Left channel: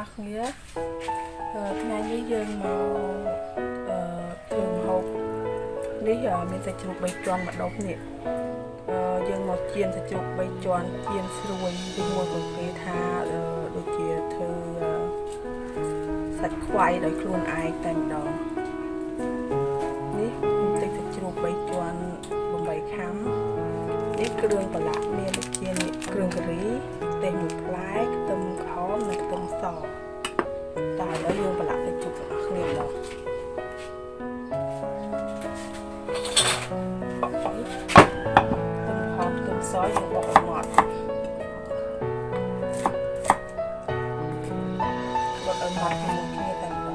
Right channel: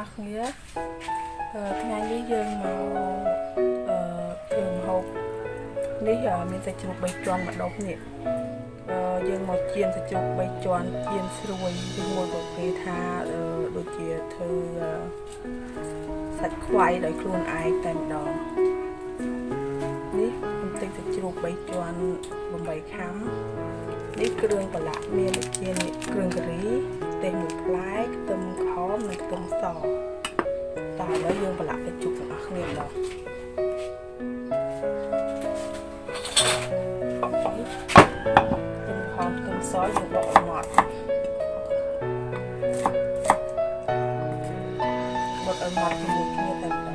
ác nghĩaថ្ងៃនេះយើងមកធ្វើម្ហូបនេះមានសាច់ជ្រូក3ជាន់ម្ដុំនេះយើងមកចៀនសាច់ជ្រូក3ជាន់ចៀនស្រួយឬមួយក៏គេថាដូចជាធ្វើសាច់ខ្វៃដោយខ្លួនឯងតែម្ដងនេះបន្តិចសាច់ជ្រូក3ជាន់8ខាំនេះគ្រឿងប្រឡាក់មានដូចជាគ្រឿងការីទេសមួយផ្លែខ្ទឹមក្រហមនិងខ្ទឹមសតែឥឡូវយើងប្រឡាក់សាច់ជ្រូកទាំងអស់គ្នាម្ដងខ្ទឹមសយើងបុកឲ្យម៉ត់បុកឲ្យម៉ត់ជាមួយគ្នាតែម្ដង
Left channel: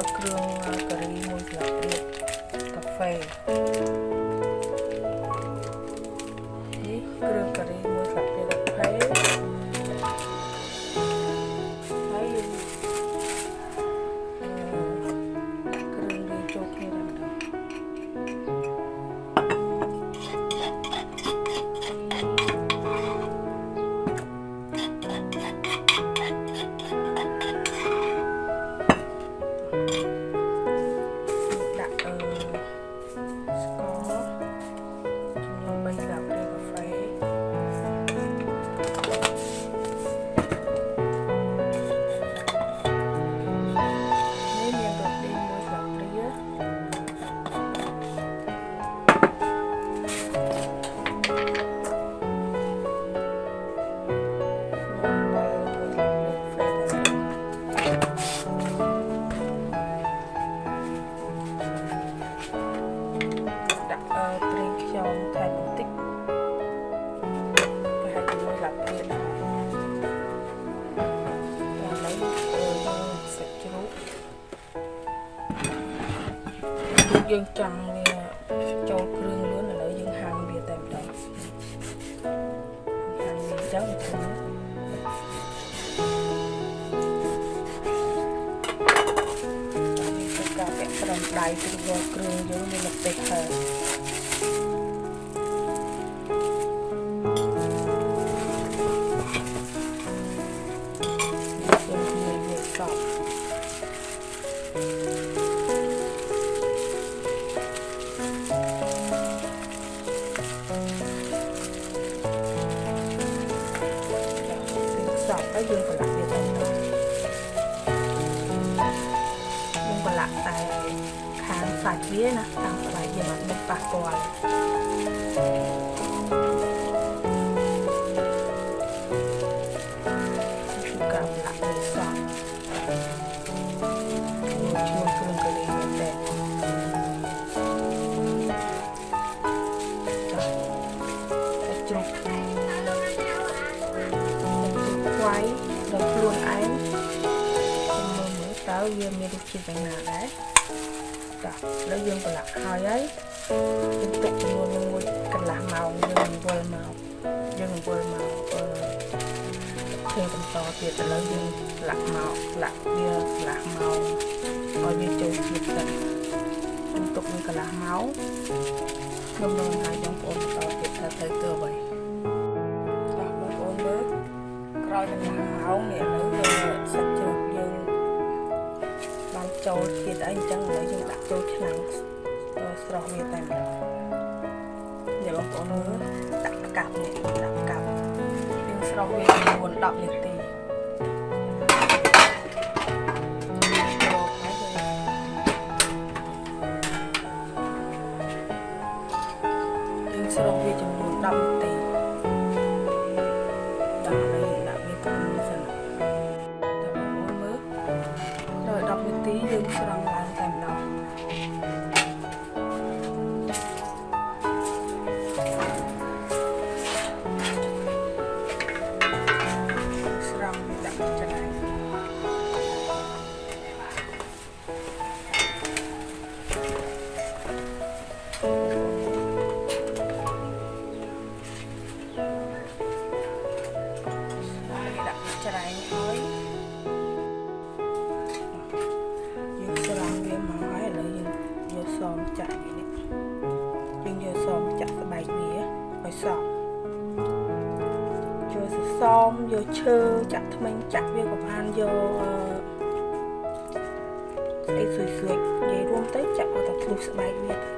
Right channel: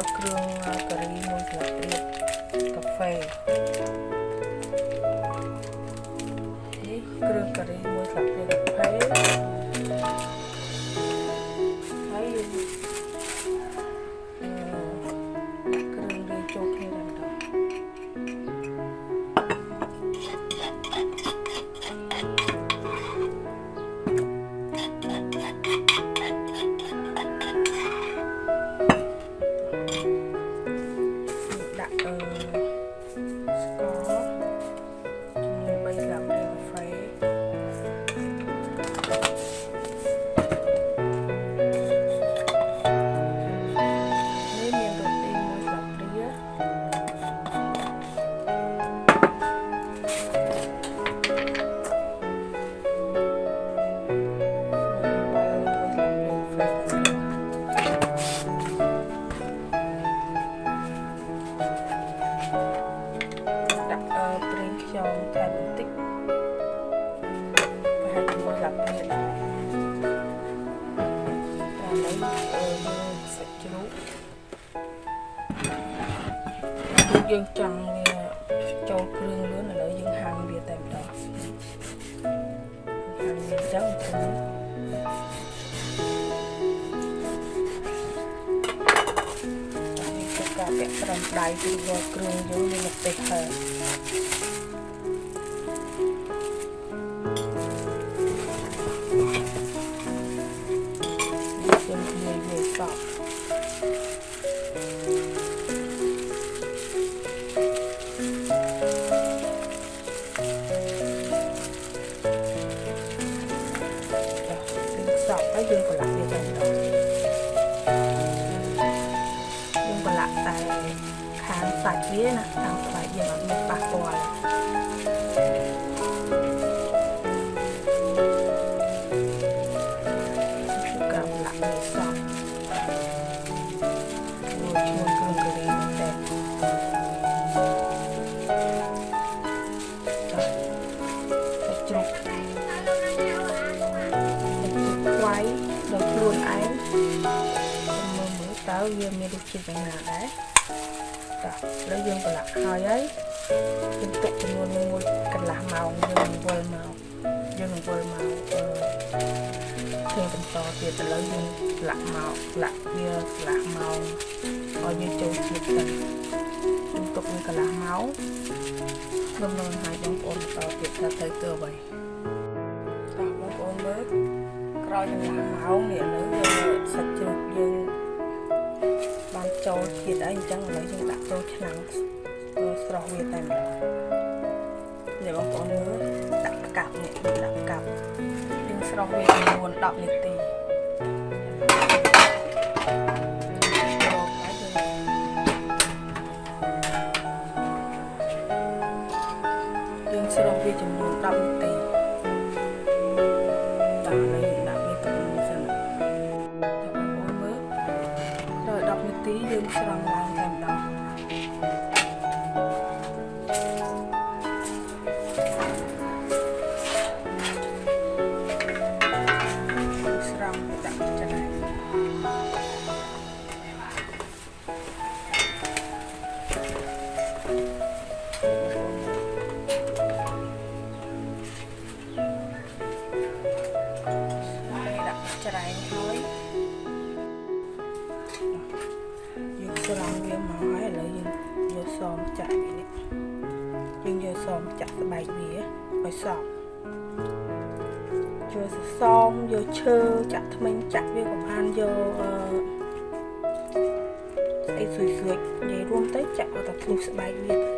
ឲ្យគ្រឿងការីមួយស្លាបព្រាកាហ្វេនេះគ្រឿងការីមួយស្លាបព្រាកាហ្វេហើយគ្រឿងវាចូលគ្នាតែម្ដងប្រេងខ្យងថែមបន្តិចប្រហែលជាមួយស្លាបព្រាដែរតាមនេះយើងសាច់ជ្រូកយើងចង់វាចូលគ្រឿងលឿនឥឡូវយើងហាន់វាតែម្ដងហាន់វាអញ្ចឹងទៅការពាក់ត្រឹមដៃពីវល់គ្រឿងយើងមានម្ទេសហើយយើងលាយវាសពហើយយើងប្រឡាក់វាតែម្ដងយើងប្រឡាក់តែខាងសាច់វាណាខាងស្បែកយើងអត់មានប៉ះពាល់គឺការប្រឡាក់វាសក់មួយឈ្មោះគ្រឿងការីមែនតើសាច់ជ្រូកខ្វៃដោយខ្លួនឯងមើលតើវាមានរសជាតិយ៉ាងណាដែរតោះឥឡូវយើងប្រឡាក់ហើយយើងទុកចំនួនមួយកន្លះម៉ោងយើងវិលមកធ្វើបន្តទៀតឥឡូវយើងប្រឡាក់មកប្រឡាក់វាកន្លះម៉ោងឲ្យវាចូលជាតិសិនយើងទុកវាកន្លះម៉ោងខ្ញុំនឹងឲ្យបងប្អូនបន្តទៀតថាទៅអ្វីតោះបងប្អូនមើលក្រោយកន្លះម៉ោងនេះឥឡូវសាច់ជ្រូកយើងបានចូលជាតិអីអញ្ចឹងឥឡូវយើងដាក់ចូលឆ្នាំងស្រស់វាតែម្ដងនេះបងប្អូនមើលដាក់កាប់នេះដាក់កាប់យើងស្រស់វាចំនួន10នាទីយើងស្រស់វាចំនួន10នាទីដល់ហើយយើងដាក់វាទុកមួយសិនចាំបងប្អូនមើលដល់10នាទីយើងស្រង់ឡើងតែម្ដងស្រង់វាដាក់ច្រែក ច្រែងហើយយើងស្រង់វាមកហើយឥឡូវយើងយកសមចាក់វានេះយើងយកសមចាក់ស្បែកវាឲ្យសព្វយកសសមយកឈើចាក់ថ្មិញចាក់វាក៏បានយកស្អីស្រួយៗនិយាយរួមទៅចាក់ឲ្យតែភ្លុះស្បែកវាទៅ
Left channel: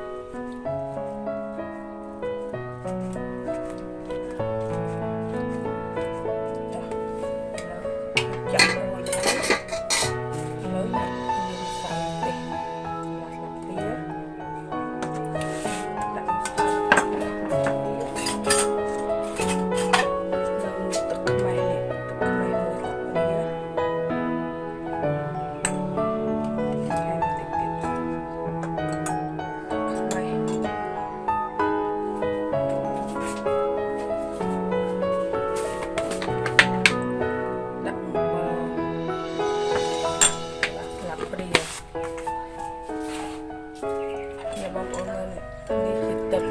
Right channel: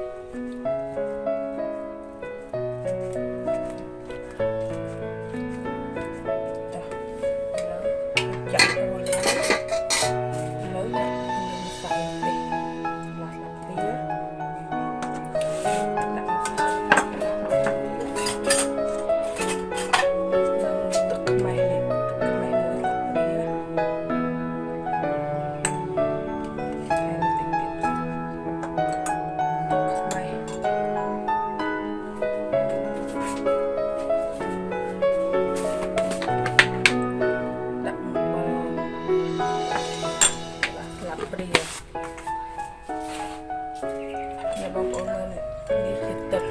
បងប្អូនមើលនេះជាទឹក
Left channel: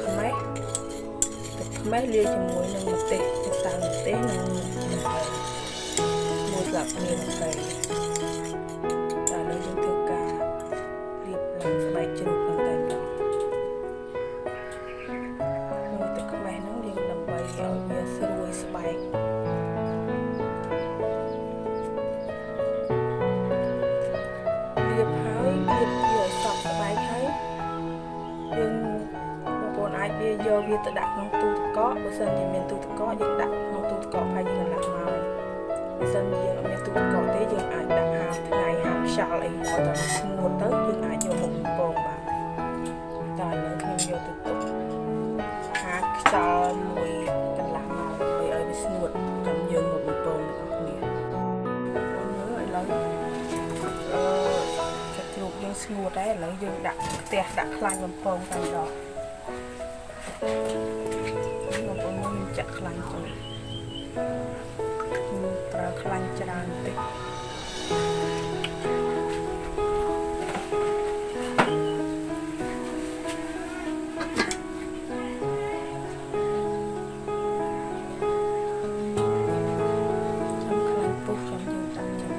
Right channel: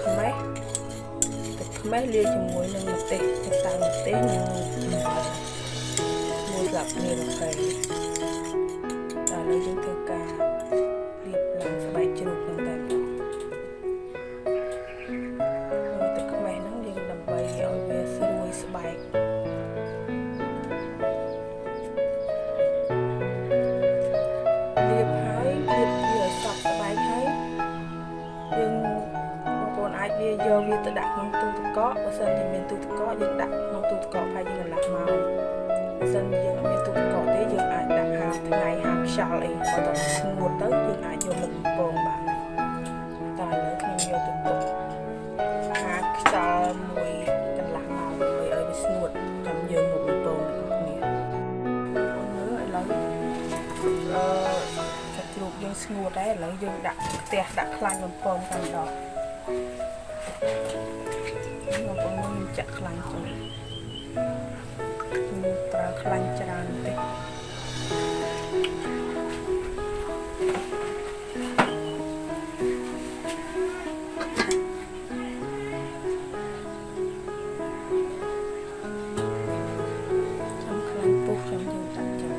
ខ្មេះលាយជាមួយនឹងម្ទេសម្សៅម្ទេសនិងអំបិលមួយស្លាបព្រាកាហ្វេតែឥឡូវយើងធ្វើការលាបឡើងស្បែកជ្រូកហ្នឹងតែម្ដងទឹកខ្មេះហ្នឹងយើងដើម្បីឲ្យវាស្រួយស្បែកលាបហើយលាបវាឲ្យសព្វស្បែកហើយយើងបងប្អូនអាចយកវាទៅដាក់ក្នុងទូទឹកកកបើសិនជាមានទូទឹកកកយើងដាក់ក្នុងទូទឹកកកហើយយើងកន្លះម៉ោងបើសិនជាយើងអត់មានទូទឹកកកទេយើងអាចដាក់ហាលថ្ងៃហាលខ្យល់អីបើតើស្ងួតទៅយើងអាចយកមកបំពងបានតែឥឡូវខ្ញុំយកទៅទុកហាលខ្យល់មួយកន្លះម៉ោងដើម្បីឲ្យវាស្ងួតចាំយើងមកបំពងទាំងអស់គ្នាបងមើលឥឡូវសាច់ជ្រូកយើងស្ងួតហើយឥឡូវយើងដាក់ខ្ទះដាក់ខ្លាញ់បំពងតែម្ដងបងប្អូនខ្ញុំចាក់ខ្លាញ់ចូលខ្ញុំប្រើខ្លាញ់ច្រើនបន្តិចខ្ញុំខ្លាញ់ពុះខ្ញុំយើងដាក់ចូល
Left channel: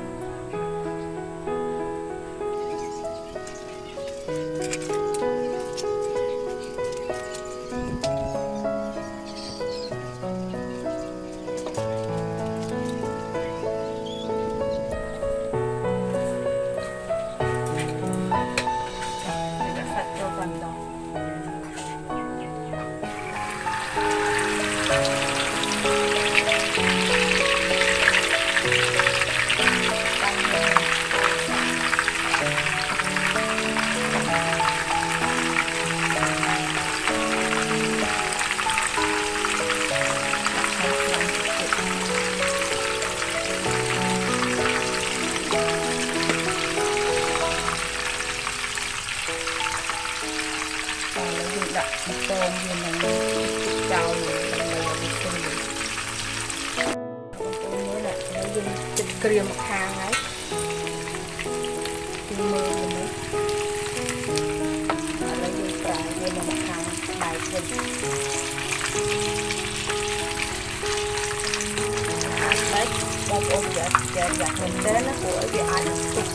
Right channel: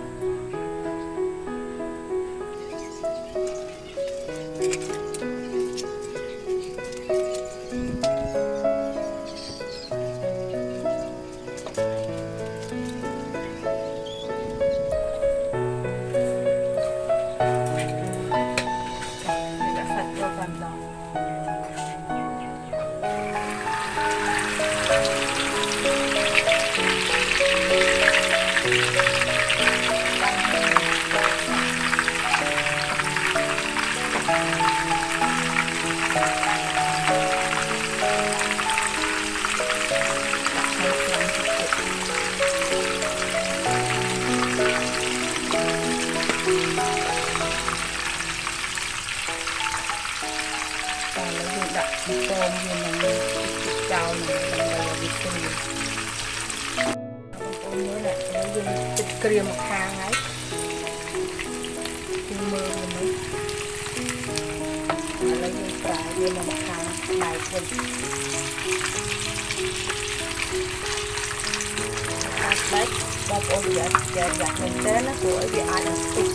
យើងដាក់បំពងវានឹងចោលនឹងដើម្បីឲ្យវាស្រួយបងប្អូនមើលណាហើយយើងទឹកក្រៀមមកខាងហើយយើងមើលវានេះឥឡូវយើងប្រើវាមកខាងបែកវិញអាចបែកបងប្អូនយកមែនទេណាព្រោះវាអាចនឹងទុក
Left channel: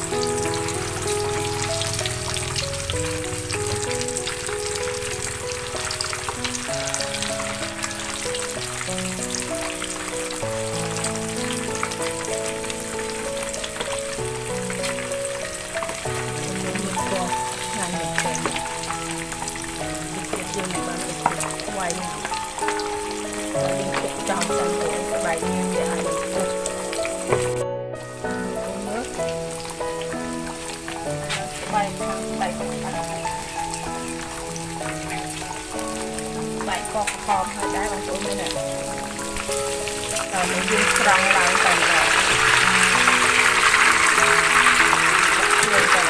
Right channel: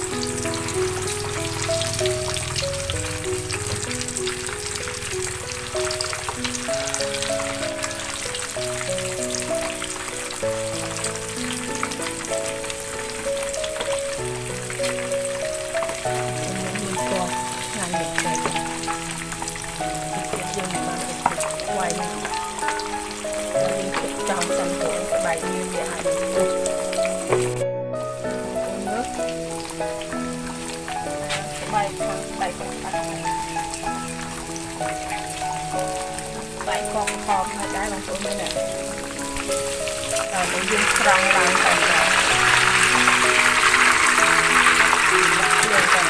ខាងនេះទៅយើងបានទៅវាយនេះហើយយើងទុកចោលសិនទៅឲ្យស្បែកវាអាចនឹងពុះមើលស្បែកខាងស្បែកក៏បាត់ស្បែកក៏ខំហើយដែរបងប្អូនមើលណាដល់យើងស្រង់ឡើងទៅដល់យើងទៅ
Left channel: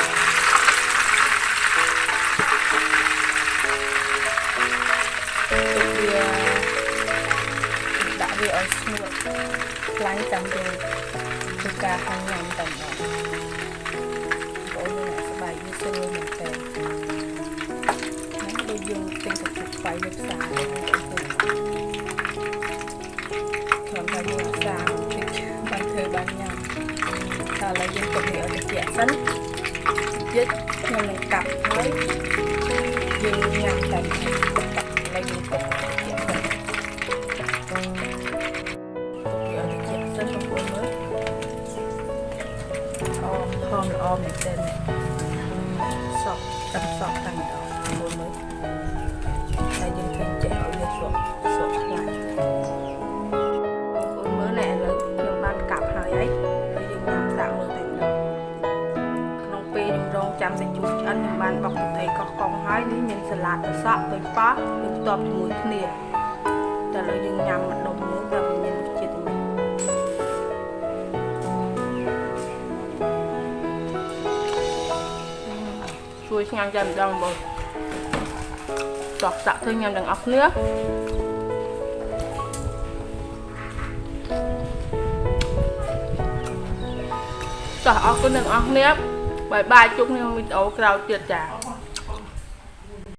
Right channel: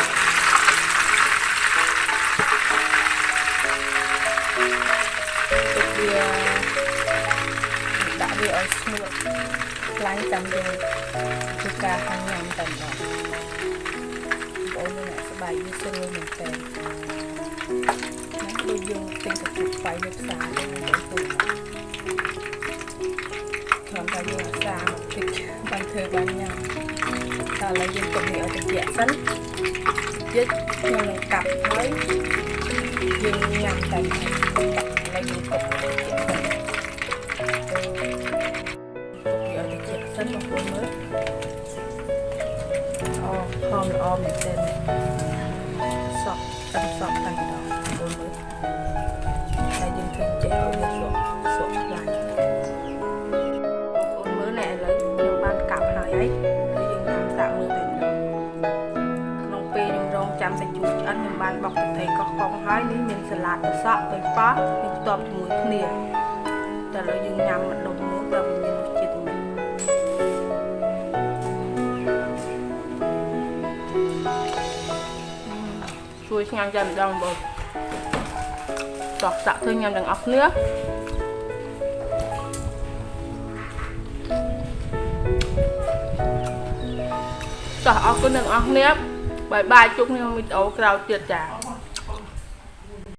ដាក់វាឲ្យស្ងួតខ្លាញ់ចាំយើងធ្វើការហាញញ៉ាំតែម្ដងបងប្អូនអ្នកស្បែកវាស្រួលមែនតើដូចយើងទិញសាច់ជ្រូកស្បៃនៅផ្សារទៅបងប្អូន គ្រាន់តែយើងអាសាបន្តិចបានធ្វើបានញ៉ាំតែឥឡូវយើងទុកនេះឲ្យត្រជាក់សិនទៀតខ្ញុំនឹងកាប់ហើយយើងញ៉ាំតែហើយឥឡូវយើងទុកឲ្យត្រជាក់សិនទុកវាឲ្យត្រជាក់សិនបងប្អូនមើលហមល្អមែនទែនសក់តាំងម្ដងបងប្អូនមើលតែយើងឃើញចេះឲ្យវាស្រក់ខ្លាំងបងប្អូនមើលណែឥឡូវខ្ញុំបានកាប់ហើយហើយយើងញ៉ាំសាកមើលតែម្ដងក្នុងពេលខ្ញុំរងចាំសាច់ជ្រូកឆ្អិនខ្ញុំបានបុកទឹកត្រីកោះកុងហើយនេះមានសាឡាតត្រសក់ទៅប៉ោះយើងផ្ទាប់ជាមួយគ្នាតែឥឡូវយើងញ៉ាំម្ដុំមើលតើវាមានរសជាតិយ៉ាងម៉េចជួយឆ្ងាញ់តែម្ដងបងតោះសាក់ធ្វើញ៉ាំទាំងអស់គ្នាតោះអរគុណទាំងអស់គ្នាបាយបាយជួបគ្នាក្នុងវីដេអូក្រោយទៀតចា